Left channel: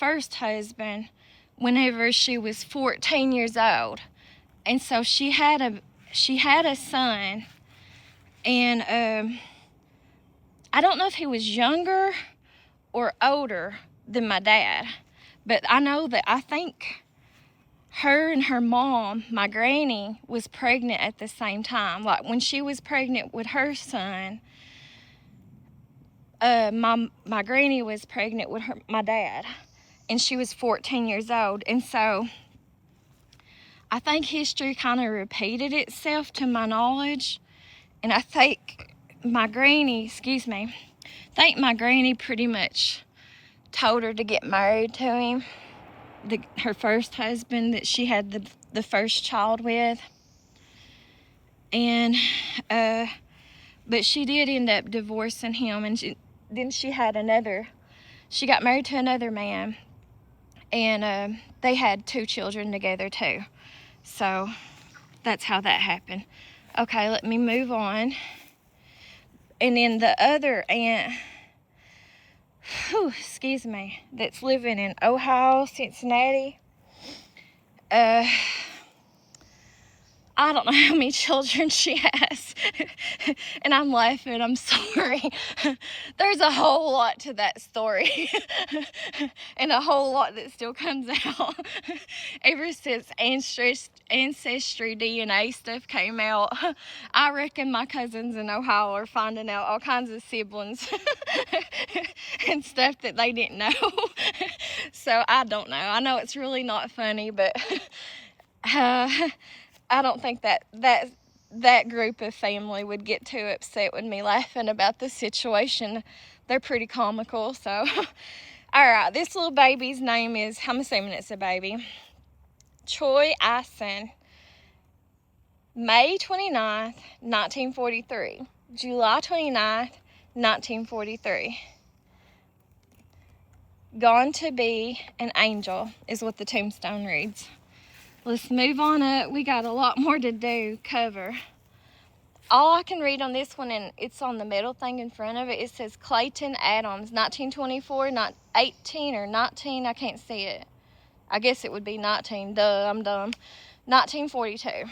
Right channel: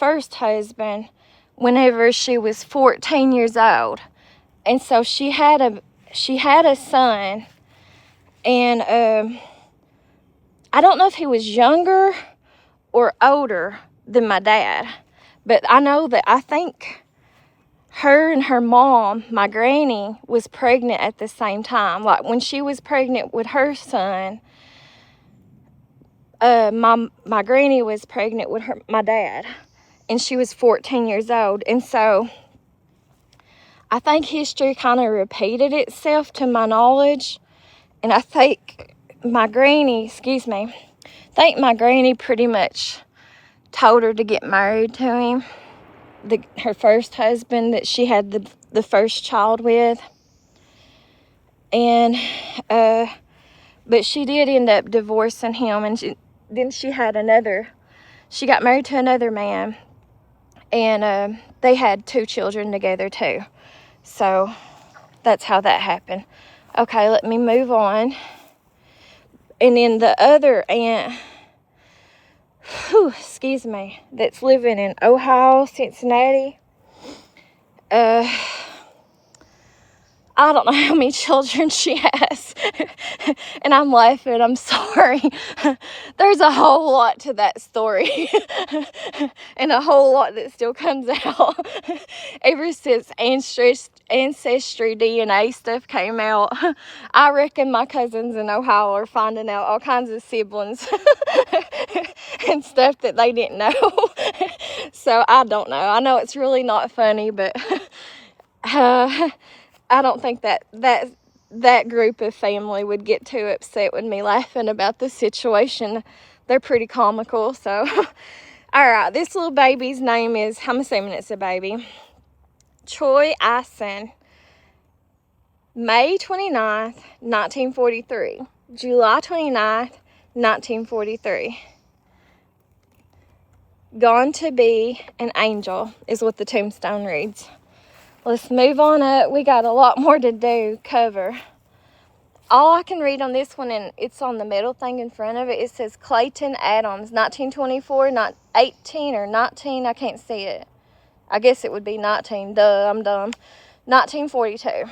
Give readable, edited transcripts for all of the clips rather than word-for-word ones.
first husband whenever she was 14 years old. And so she had a son, and I don't know if he was younger or older than my dad, but I know that I think her and her mom, my granny, was pregnant at the same time. Like when she was pregnant with her son, my granny was pregnant with my dad, and she was 14 years old. And so I think history kind of repeated itself to my knowledge, and I think my granny pretty much told her to get married to him, her first husband that she had the first child with. And but she did end up divorcing him, and then she got married to another man, and they had 2 children together too. So that's how that happened. Okay, let me move on. And then the other aunt, that's living in Ohio, Cincinnati, I don't know how many children she has. And I'm laughing, I'm sorry. There's a whole lot to that story. And a whole lot that still comes out. Ever since Ancestry DNA stuff came out, I reckon my cousins in Ohio are finding out all kinds of siblings and stuff that they didn't know. So I don't know. I know it's really not funny, but I don't think that group of family would get too upset with me laughing about the situation. They're pretty comical. So, all right, this little baby's name is, I'm assuming it's a baby, Troy Ison. May 29th, 1943. July 29th, 1943. Gone to be an angel is what the tombstone reads. Let's move on up. We got a lot more to cover. All I can read on this one, and it's on the middle thing in front of it, it says Clayton Adams, 1924, not 18 or 19, I can't see it. I guess it would be 19, duh, I'm dumb. 1942.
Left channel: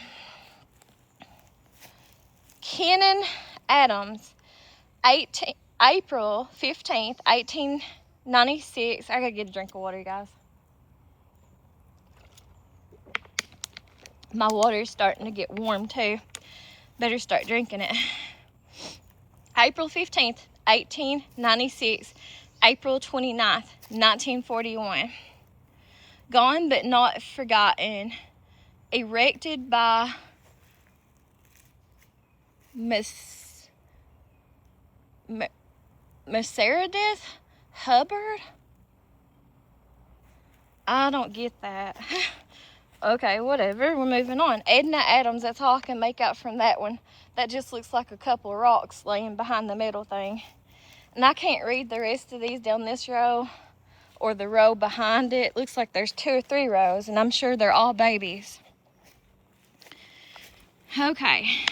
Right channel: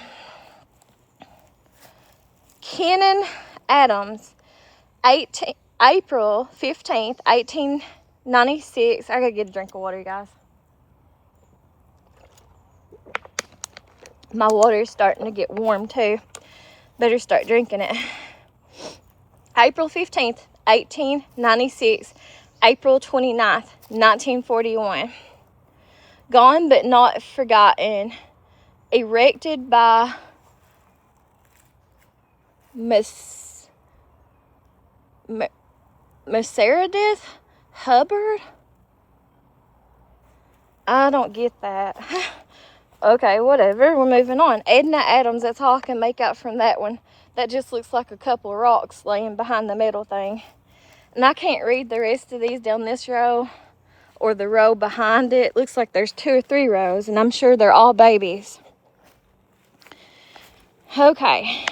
Kenan Adams, April 15th, 1896. I gotta get a drink of water, you guys. My water's starting to get warm too. Better start drinking it. April 15th, 1896. April 29th, 1941. Gone but not forgotten. Erected by Meredith Hubbard? I don't get that. Okay, whatever. We're moving on. Edna Adams, that's all I can make out from that one. That just looks like a couple of rocks laying behind the middle thing. And I can't read the rest of these down this row or the row behind it. Looks like there's 2 or 3 rows, and I'm sure they're all babies. Okay.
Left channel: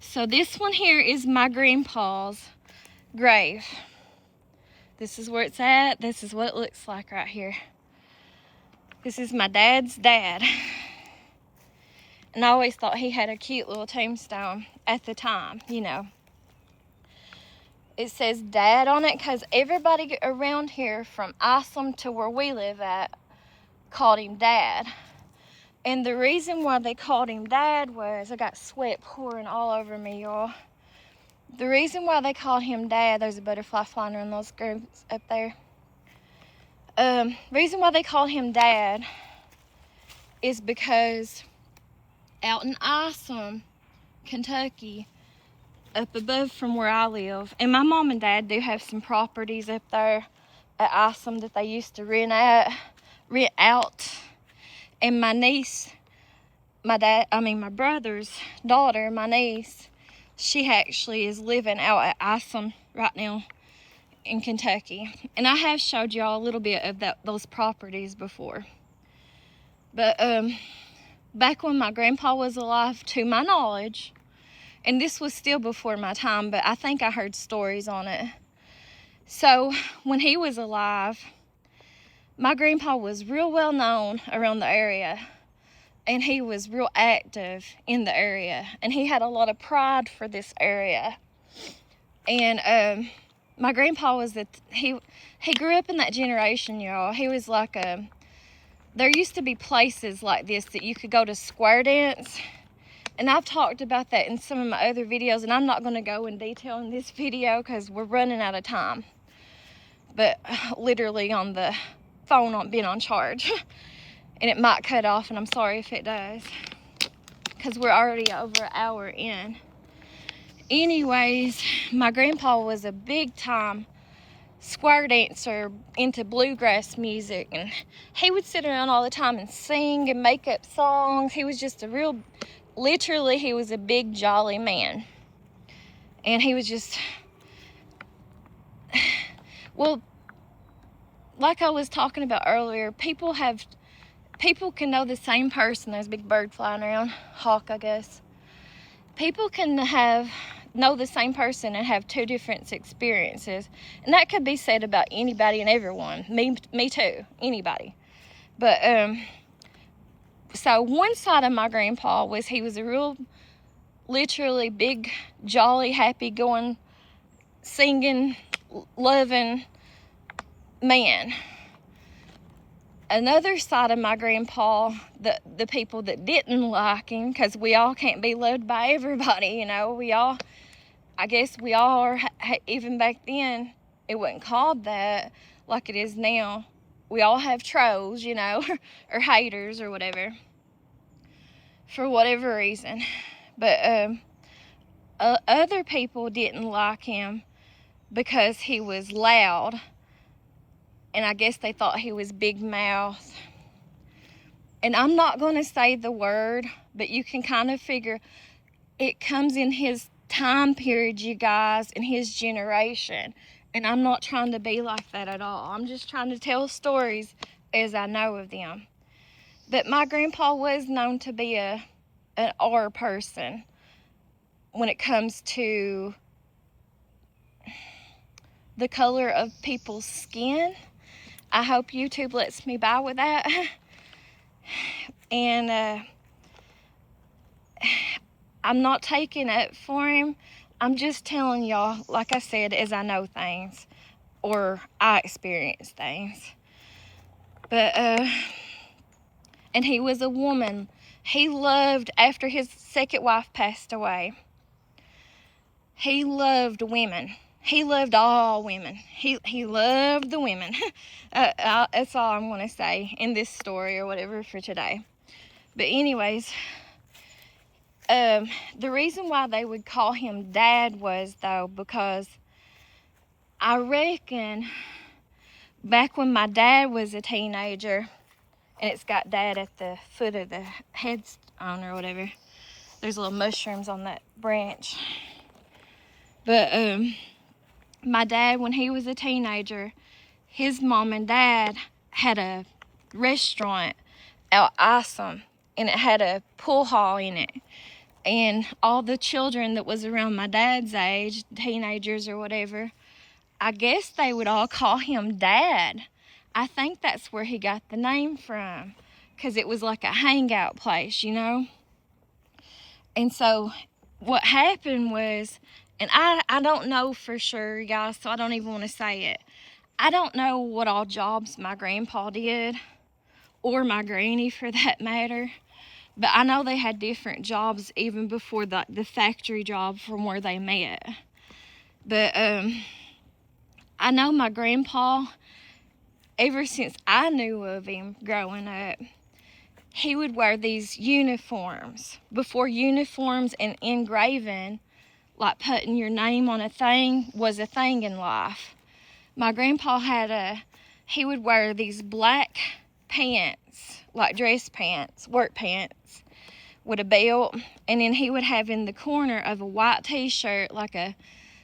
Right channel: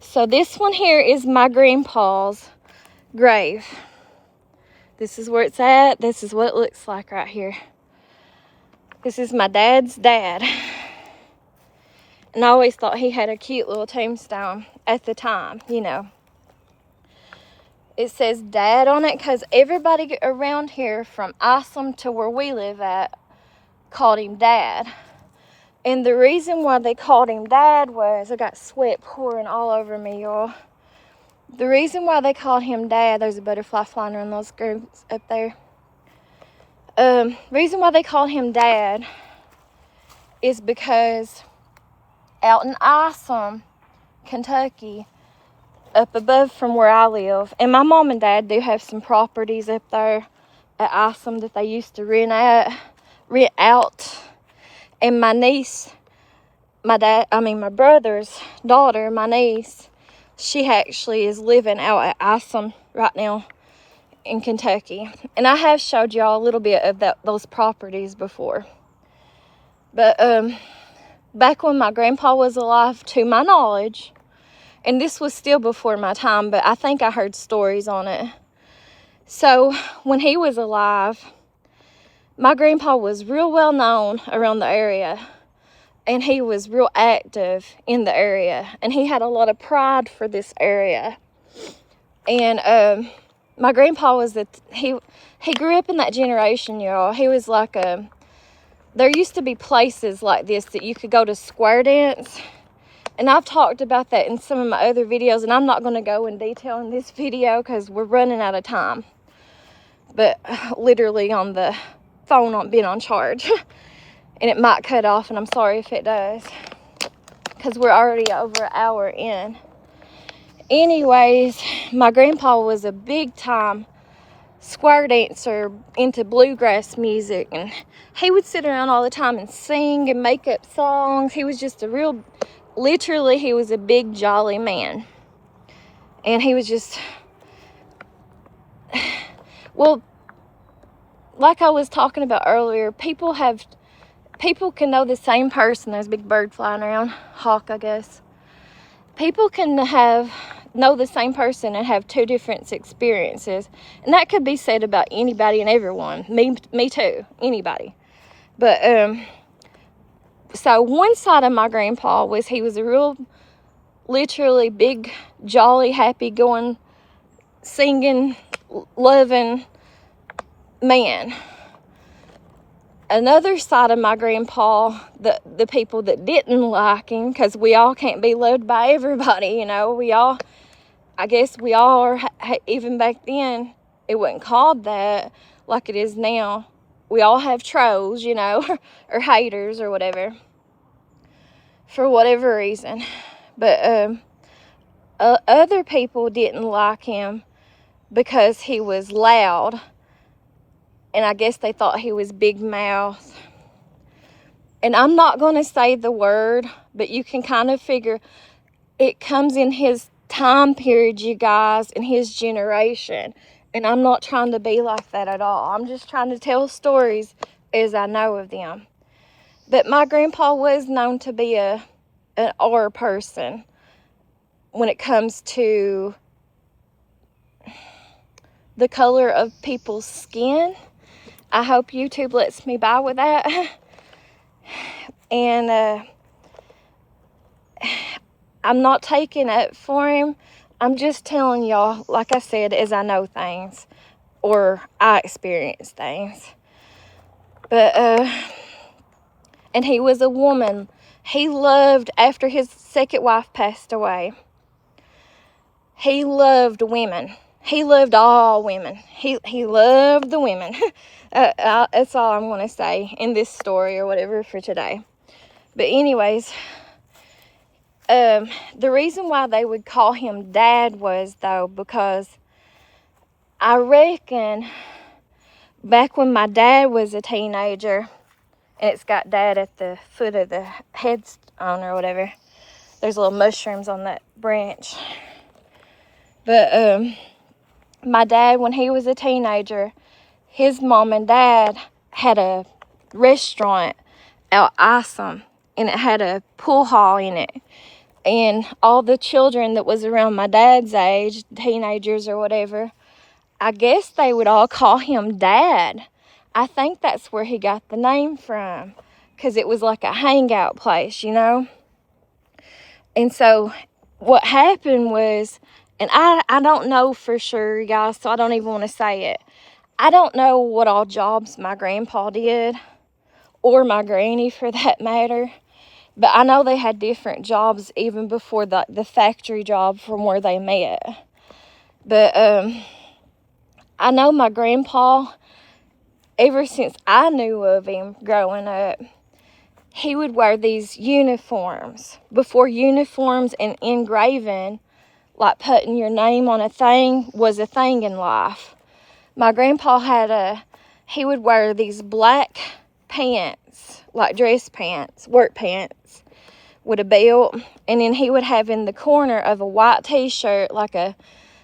So this one here is my grandpa's grave. This is where it's at. This is what it looks like right here. This is my dad's dad. And I always thought he had a cute little tombstone at the time, you know. It says Dad on it because everybody around here from Isom to where we live at called him Dad. And the reason why they called him Dad was, I got sweat pouring all over me, y'all. The reason why they called him Dad, there's a butterfly flying around those grooves up there. Reason why they call him Dad is because out in Isom, Kentucky, up above from where I live, and my mom and dad do have some properties up there at Isom that they used to rent out. And my niece, my brother's daughter, my niece, she actually is living out at Isom right now in Kentucky. And I have showed y'all a little bit of those properties before. But back when my grandpa was alive, to my knowledge, and this was still before my time, but I think I heard stories on it. So when he was alive, my grandpa was real well known around the area, and he was real active in the area, and he had a lot of pride for this area. And my grandpa was he grew up in that generation, y'all. He was like there used to be places like this that you could go to square dance, and I've talked about that in some of my other videos, and I'm not going to go in detail in this video because we're running out of time. But literally on the phone on being on charge, and it might cut off, and I'm sorry if it does because we're already over an hour in. Anyways, my grandpa was a big time square dancer into bluegrass music, and he would sit around all the time and sing and make up songs. He was just literally he was a big jolly man, and he was just well, like I was talking about earlier, people can know the same person. There's a big bird flying around, hawk I guess. People can know the same person and have two different experiences, and that could be said about anybody and everyone. Me too, anybody. But so one side of my grandpa was he was a real, literally big, jolly, happy going, singing, loving man. Another side of my grandpa, the people that didn't like him, because we all can't be loved by everybody, you know. I guess we all are, even back then, it wasn't called that like it is now. We all have trolls, you know, or haters or whatever, for whatever reason. But other people didn't like him because he was loud, and I guess they thought he was big mouth. And I'm not going to say the word, but you can kind of figure it comes in his time period, you guys, in his generation. And I'm not trying to be like that at all. I'm just trying to tell stories as I know of them. But my grandpa was known to be an R person when it comes to the color of people's skin. I hope YouTube lets me by with that. And I'm not taking up for him. I'm just telling y'all, like I said, as I know things, or I experience things. But and he was a woman. He loved, after his second wife passed away, he loved women. He loved all women. He loved the women. That's all I'm going to say in this story or whatever for today. But anyways, the reason why they would call him Dad was, though, because I reckon back when my dad was a teenager, and it's got Dad at the foot of the headstone or whatever. There's little mushrooms on that branch. But my dad, when he was a teenager, his mom and dad had a restaurant out Isom, and it had a pool hall in it. And all the children that was around my dad's age, teenagers or whatever, I guess they would all call him Dad. I think that's where he got the name from, because it was like a hangout place, you know. And so what happened was, and I don't know for sure, guys, so I don't even want to say it. I don't know what all jobs my grandpa did, or my granny for that matter. But I know they had different jobs even before the factory job from where they met. But I know my grandpa, ever since I knew of him growing up, he would wear these uniforms. Before uniforms and engraving, like putting your name on a thing, was a thing in life. My grandpa he would wear these black pants, like dress pants, work pants, with a belt. And then he would have in the corner of a white t-shirt, like a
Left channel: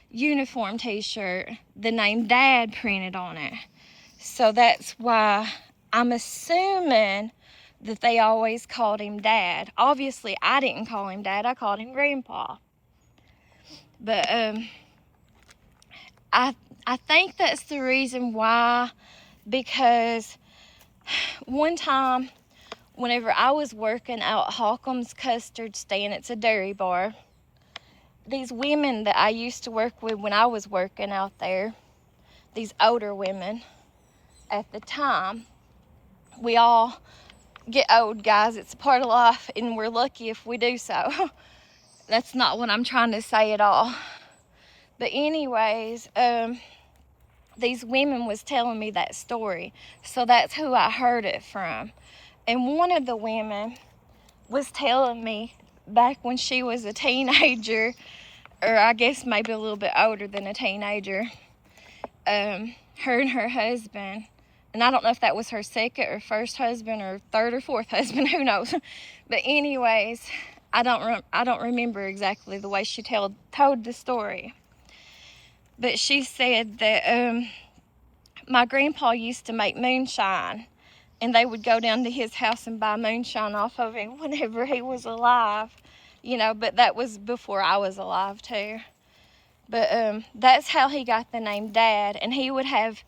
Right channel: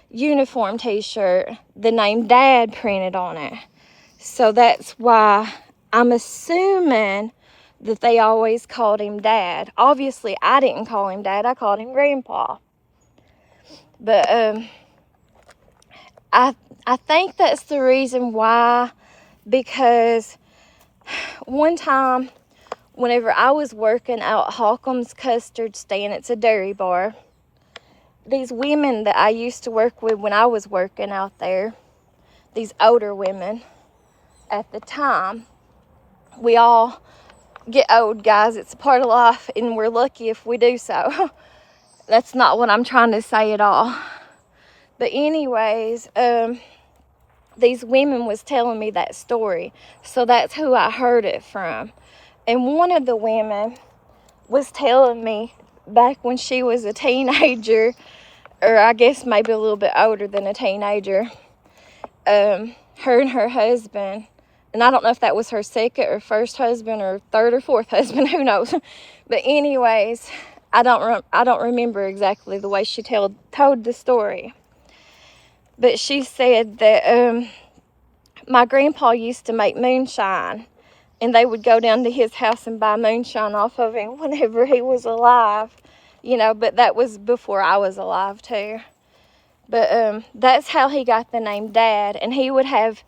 uniform t-shirt, the name Dad printed on it. So that's why I'm assuming that they always called him Dad. Obviously, I didn't call him Dad. I called him Grandpa. But I think that's the reason why, because one time, whenever I was working out Holcomb's Custard Stand, it's a dairy bar, these women that I used to work with when I was working out there, these older women at the time, we all get old, guys. It's a part of life, and we're lucky if we do so. That's not what I'm trying to say at all. But anyways, these women was telling me that story. So that's who I heard it from. And one of the women was telling me back when she was a teenager, or I guess maybe a little bit older than a teenager, her and her husband, and I don't know if that was her second or first husband or third or fourth husband, who knows. But anyways, I don't remember exactly the way she told the story. But she said that my grandpa used to make moonshine, and they would go down to his house and buy moonshine off of him whenever he was alive, you know, but that was before I was alive too. But that's how he got the name Dad, and he would have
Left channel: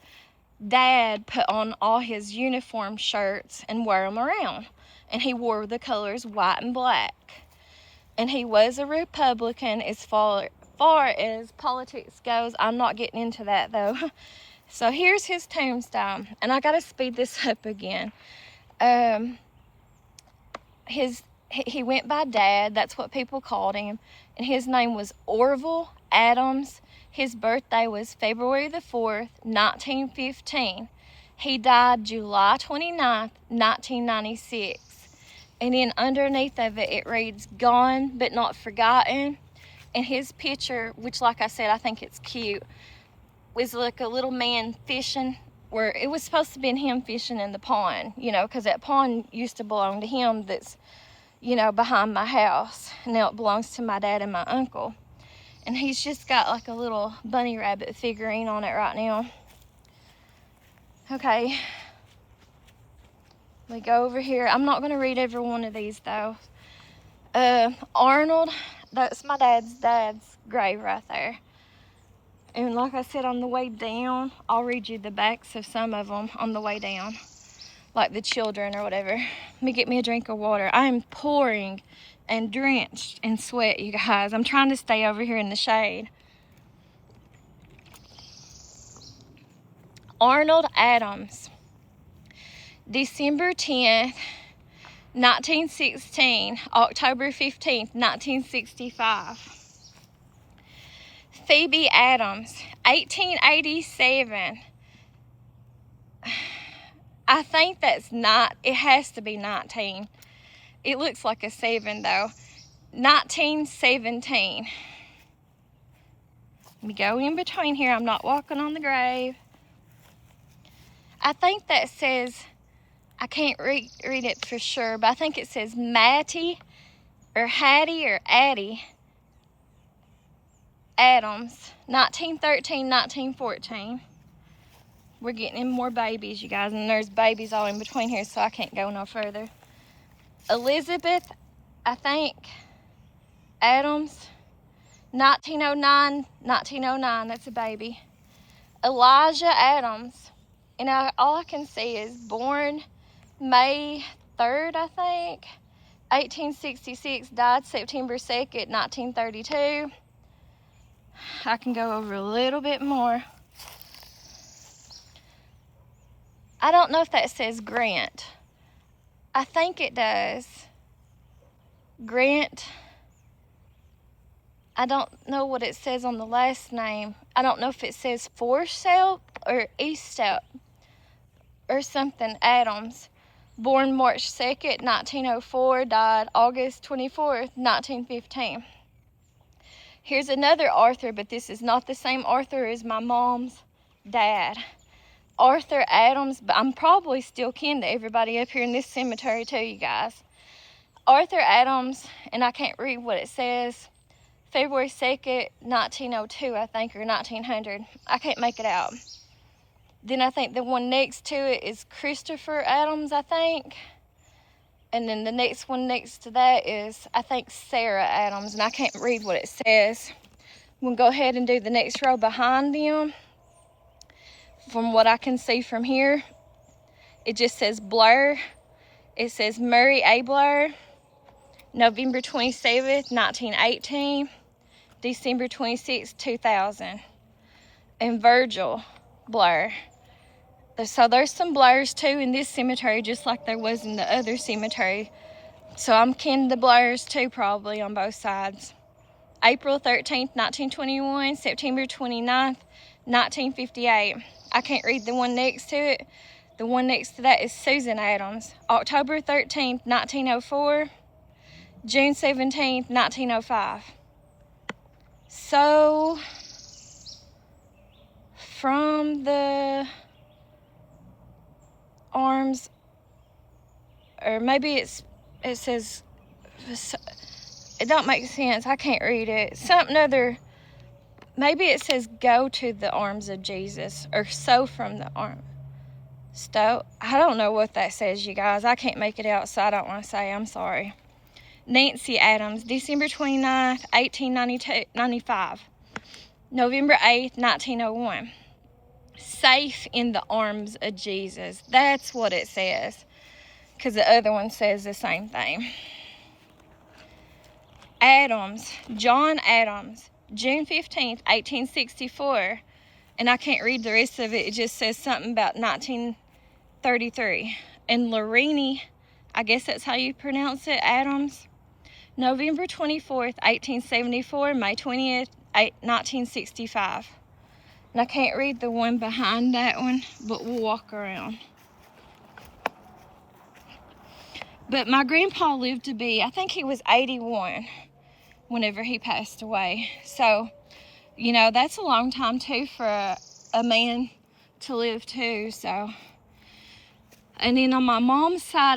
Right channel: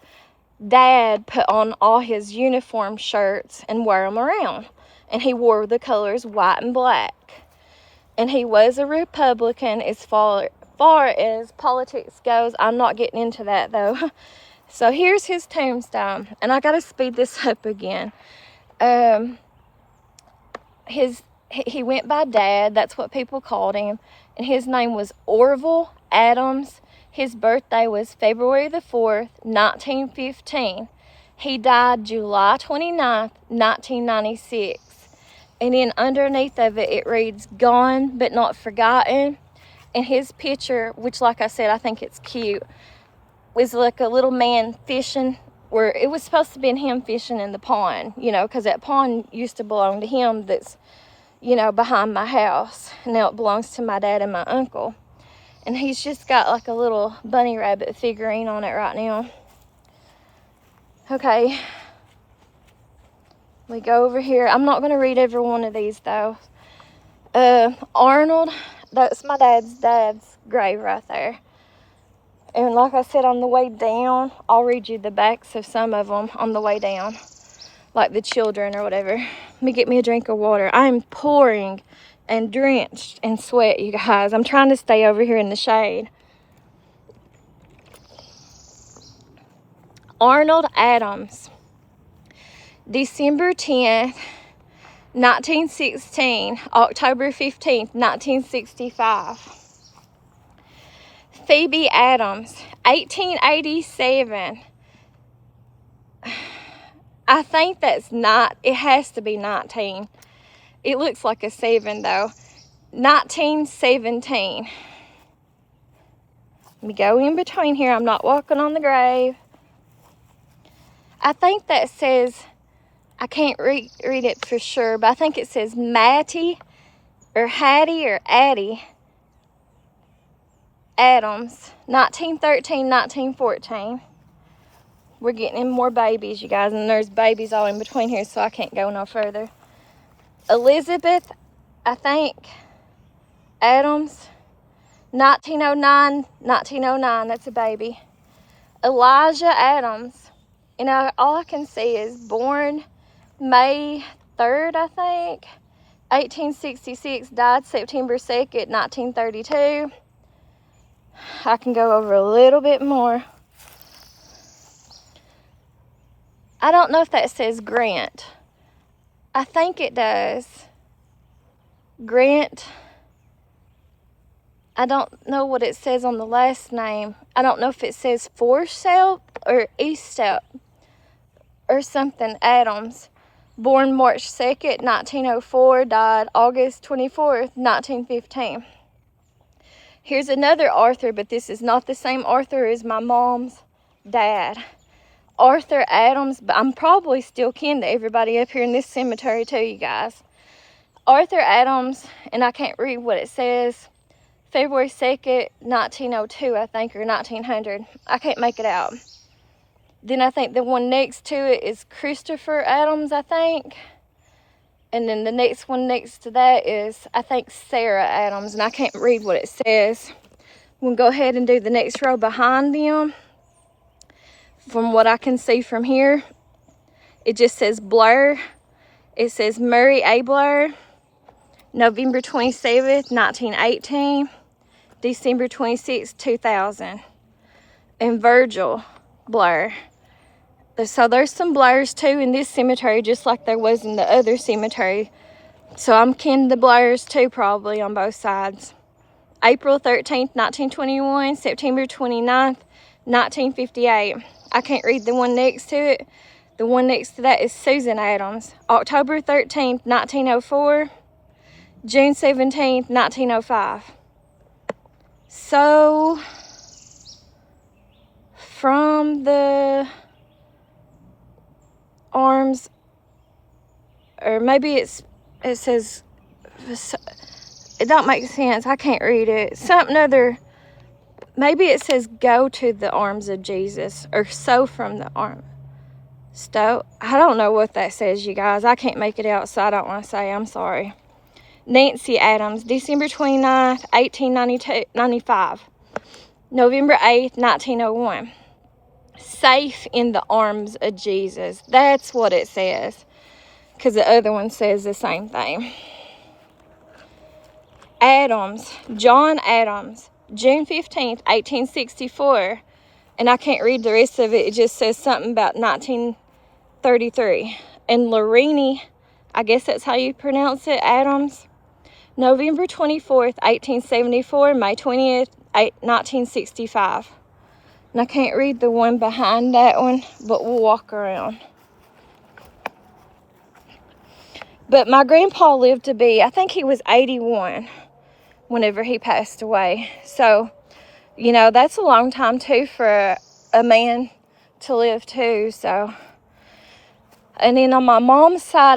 Dad put on all his uniform shirts and wear them around, and he wore the colors white and black, and he was a Republican as far as politics goes. I'm not getting into that though. So here's his tombstone, and I gotta speed this up again. He went by Dad, that's what people called him, and his name was Orville Adams. His birthday was February the 4th, 1915. He died July 29th, 1996. And then underneath of it, it reads, "Gone but not forgotten." And his picture, which like I said, I think it's cute, was like a little man fishing, where it was supposed to be him fishing in the pond, you know, because that pond used to belong to him that's, you know, behind my house. Now it belongs to my dad and my uncle. And he's just got like a little bunny rabbit figurine on it right now. Okay. We go over here. I'm not going to read every one of these though. Arnold, that's my dad's grave right there. And like I said, on the way down, I'll read you the backs of some of them on the way down, like the children or whatever. Let me get me a drink of water. I'm pouring and drenched in sweat, you guys. I'm trying to stay over here in the shade. Arnold Adams, December 10th, 1916, October 15th, 1965. Phoebe Adams, 1887. I think that's not, it has to be 19. It looks like a 7 though. 1917. Let me go in between here. I'm not walking on the grave. I think that says, I can't read it for sure, but I think it says Mattie or Hattie or Addie Adams, 1913, 1914. We're getting in more babies, you guys, and there's babies all in between here, so I can't go no further. Elizabeth, I think, Adams, 1909, 1909, that's a baby. Elijah Adams, you know, all I can see is born May 3rd, I think, 1866, died September 2nd, 1932. I can go over a little bit more. I don't know if that says Grant. I think it does. Grant. I don't know what it says on the last name. I don't know if it says Forsyth or Eastsouth or something. Adams. Born March 2nd, 1904. Died August 24th, 1915. Here's another Arthur, but this is not the same Arthur as my mom's dad. Arthur Adams, but I'm probably still kin to everybody up here in this cemetery too, you guys. Arthur Adams, and I can't read what it says, February 2nd, 1902, I think, or 1900. I can't make it out. Then I think the one next to it is Christopher Adams, I think. And then the next one next to that is, I think, Sarah Adams, and I can't read what it says. We'll go ahead and do the next row behind them. From what I can see from here, It just says Blur. It says Murray A. Blur, November 27th, 1918, December 26th, 2000. And Virgil Blur. So there's some Blurs too in this cemetery, just like there was in the other cemetery. So I'm kin to the Blurs too, probably on both sides. April 13th, 1921, September 29th, 1958. I can't read the one next to it. The one next to that is Susan Adams. October 13th, 1904, June 17th, 1905. So from the arms, or maybe it says, it don't make sense, I can't read it, something other, maybe it says go to the arms of Jesus, or so from the arm, I don't know what that says, you guys. I can't make it out, so I don't want to say, I'm sorry. Nancy Adams, December 29th, 1895, November 8th, 1901. Safe in the arms of Jesus. That's what it says, because the other one says the same thing. Adams, John Adams, June 15th, 1864. And I can't read the rest of it. It just says something about 1933. And Larini, I guess that's how you pronounce it, Adams, November 24th, 1874, May 20th, 1965. And I can't read the one behind that one, but we'll walk around. But my grandpa lived to be, I think he was 81 whenever he passed away. So, you know, that's a long time too for a man to live too. So, and then on my mom's side,